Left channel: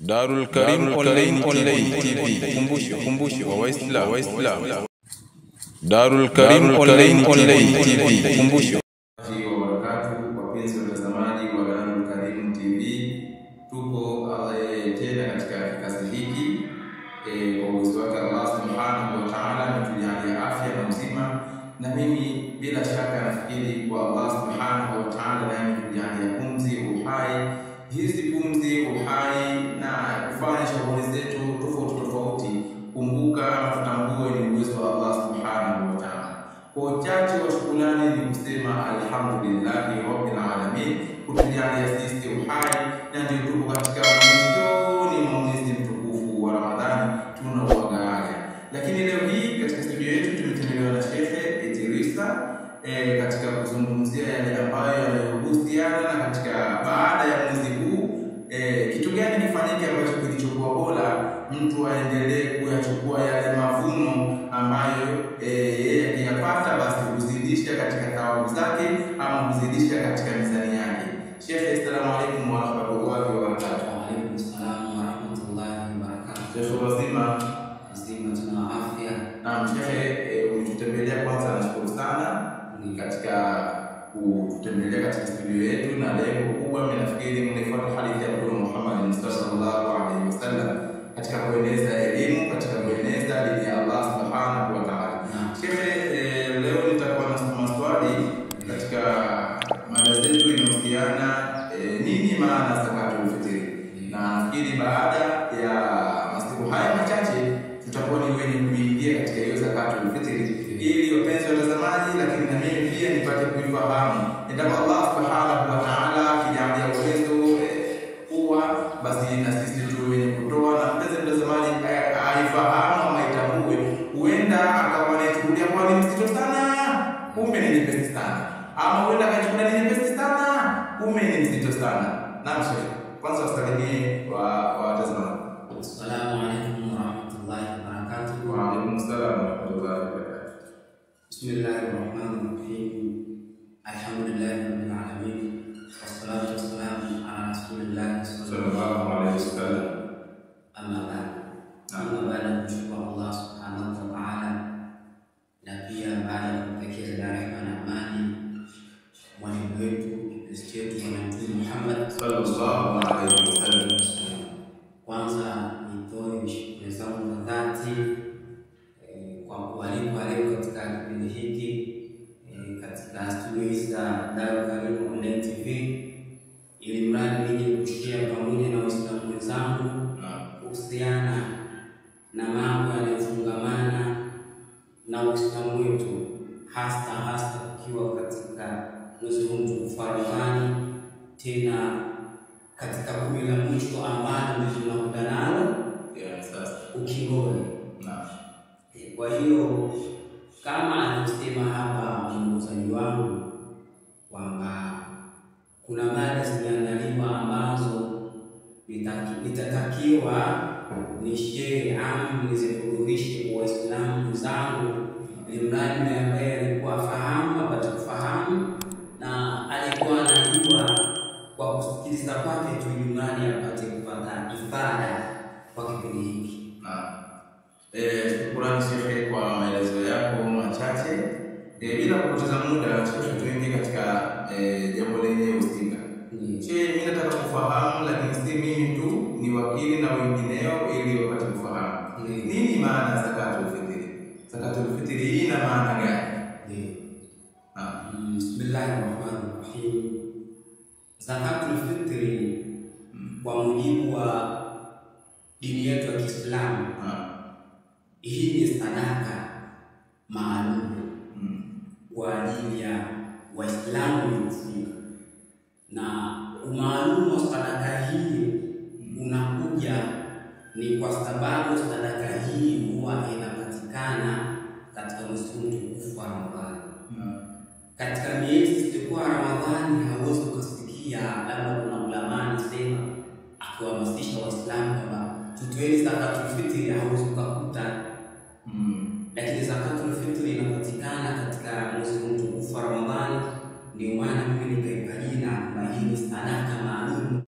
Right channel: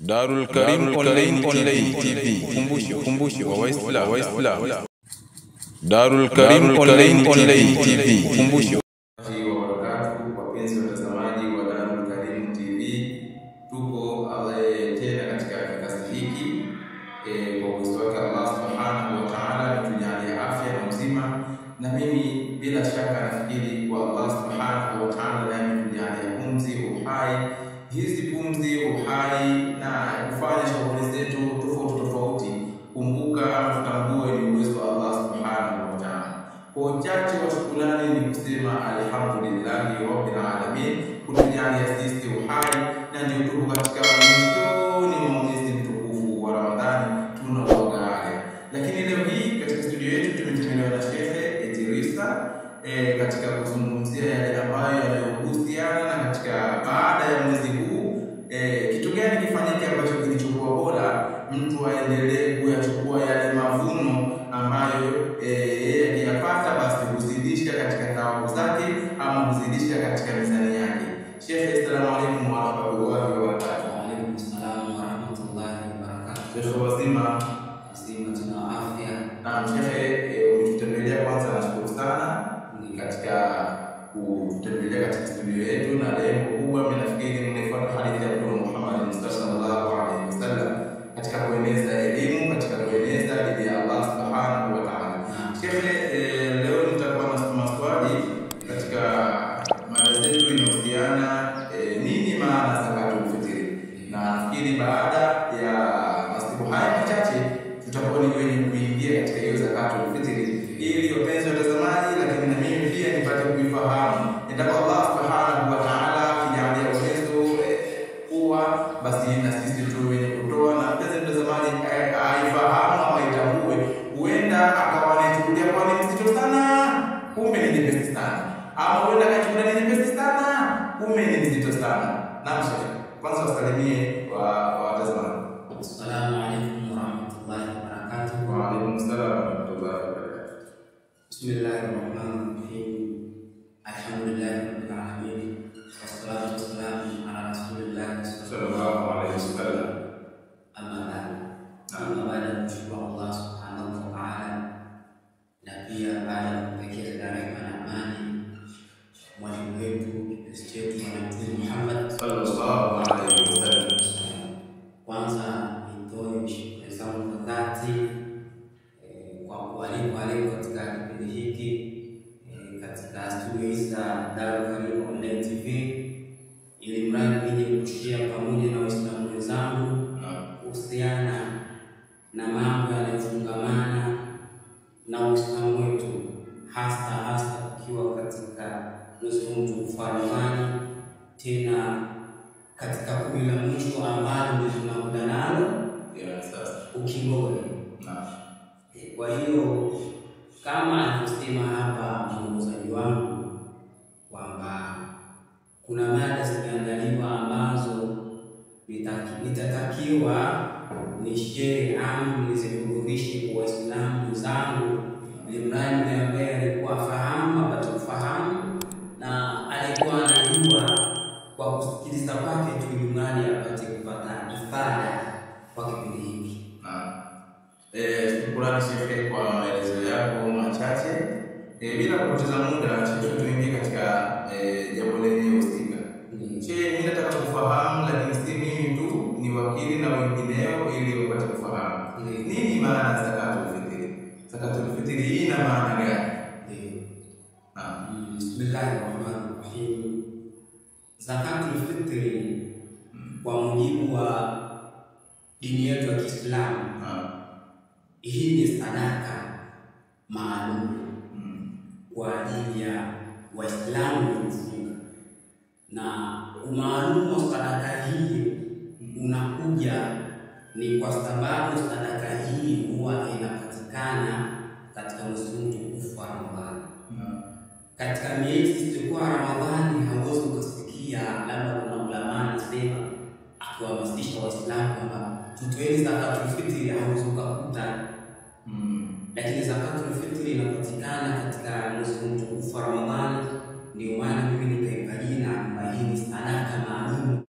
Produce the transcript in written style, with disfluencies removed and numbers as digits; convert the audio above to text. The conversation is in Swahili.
Darul Karim Online TV. Kumbusho wa Waislamu. Darul Karim Online TV. Kumbusho. Wapenzi watazamaji wa Darul Karim TV, tupo tena katika kikasi hiki kwa uwezo wake Allah Subhanahu wa Ta'ala ametujalia afya na uzima, na mimi bila shaka nafikiri kwa Allah Subhanahu wa Ta'ala naye ametujalia pumzi, uhai. Hizi pumzi, uhai na kufanya shughuli zetu tofauti, kumbuka ama tutambue ni uwezo wa Allah Subhanahu wa Ta'ala. Kwa uchache wa shukrani ni kusema alhamdulillahi rabbil alamin kutujalia sisi uhai, na ndio tupo katika mwezi wa mwezi mtukufu wa Ramadhani tunauaga. Lakini leo hii katika studio yetu tumetembelewa na Sheikh Idrisa katika kuzungumzia yale ambayo yanayohusiana na katika baada ya mwezi huu kitu gani kifanyike ambacho kilichokuwa bora mtu aendelee kuyachukua yale mavuno ambayo yeye aliyapata, basi huzidisha katika thawabu zake ama huzidisha katika mizani yake. Sheikh, assalamu alaykum wa rahmatullahi wa barakatuh. Wa alaykum assalam wa rahmatullahi wa barakatuh. Sheikh, wazima tuna afya. Naam Sheikh, umetutembelea, kwanza nashukuru sana ni katika kutembelea katika studio yetu, na lengo kubwa mimi nafikiri mnaifuata hadithi ya Mtume Muhammad sallallahu alaihi wasallam katika kueneza elimu, katika kueneza dini ya Allah Subhanahu wa Ta'ala. Sheikh, leo nitakuwa na maswali katika mada zetu inahusiana nini maana zakatul fitri, na nafikiri baada ya masiku haya machache tutakuwa ni wenye kuingia katika hiyo zakatul fitri, ili wapenzi watazamaji, lakini na mimi pia nipate kuifahamu. Endapo Allah Subhanahu wa Ta'ala akijalia uwezo kuwa, basi na sisi tu wenye kutoa, na mpenzi mtazamaji aifahamu ama itambue, huenda akawa anachukulia kwa ni mzito sana, kumbe ni nyepesi sana, ama huenda akachukulia ni nyepesi sana, kumbe ni mzito sana. Naam Sheikh, kwanza wasalimie watazamaji. Assalamu alaykum wa rahmatullahi wa barakatuh. Wa alaykum assalam wa rahmatullahi wa barakatuh. Bismillahirrahmanirrahim. Alhamdulillahi rabbil alamin. Wassalatu wassalamu ala rasulillah sallallahu alaihi wasallam. Amma ba'd. Baada ya kumshukuru Allah Subhanahu wa Ta'ala, na pia baada ya kumtakia rehema na amani mwalimu wetu kipenzi chetu Mtume Muhammad sallallahu alaihi wasallam, kwanza nitoe shukrani zangu za dhati kwa kualikwa leo katika kipindi hiki katika studio hizi za Darul Karim Online TV, ili mradi nije kushare pamoja na Waislamu wenzangu kuhusiana na mambo yanayofungamana na Uislamu wetu, hasa tukiwa katika mwezi huu mtukufu wa Ramadhani, tena katika kumi la mwisho ambalo ndio tunakuta nalo sasa ukingoni. Kwa hiyo kama anavyosema hapa mwongozaji wangu kwamba kuna mada zimeandaliwa ambazo nitatakiwa nishare au nizihudhurishe kwa Waislamu wenzangu, ili mradi yule ambaye alikuwa afahamu apate kufahamu, na alikuwa anajua kwa kusikiliza kwake tu, ili mradi apate kupata ifada kwa kipindi hiki. Shukrani Sheikh kwa maelezo yako machache. Bila kupoteza muda Sheikh, tuingie katika jambo lenye husika. Mimi nataka kufahamu, lakini si mimi tu, ni wakili na wengineo, ili wapate kufahamu nini maana zakatul fitri. Zakatul fitri ina maana gani? Bismillahirrahmanirrahim. Zakatul fitri kwa mujibu wa dini yetu ya Kiislamu, hii ni sadaka maalum kwa ajili ya Waislamu waliofunga, na umaalumu wa sadaka hii unakuja ni kwa sababu sadaka hii huwa inapatikana katika mwezi mtukufu wa Ramadhani. Katika miezi isiyokuwa Ramadhani hauwezi kusikia labda kuna ulama anasema akiwahamasisha Waislamu kwamba tutoeni zakatul fitri, hauwezi kukuta. Lakini zakatul fitri inapatikana katika mwezi mtukufu wa Ramadhani. Ndio maana mimi nikaipa jina kwamba hii ni sadaka maalum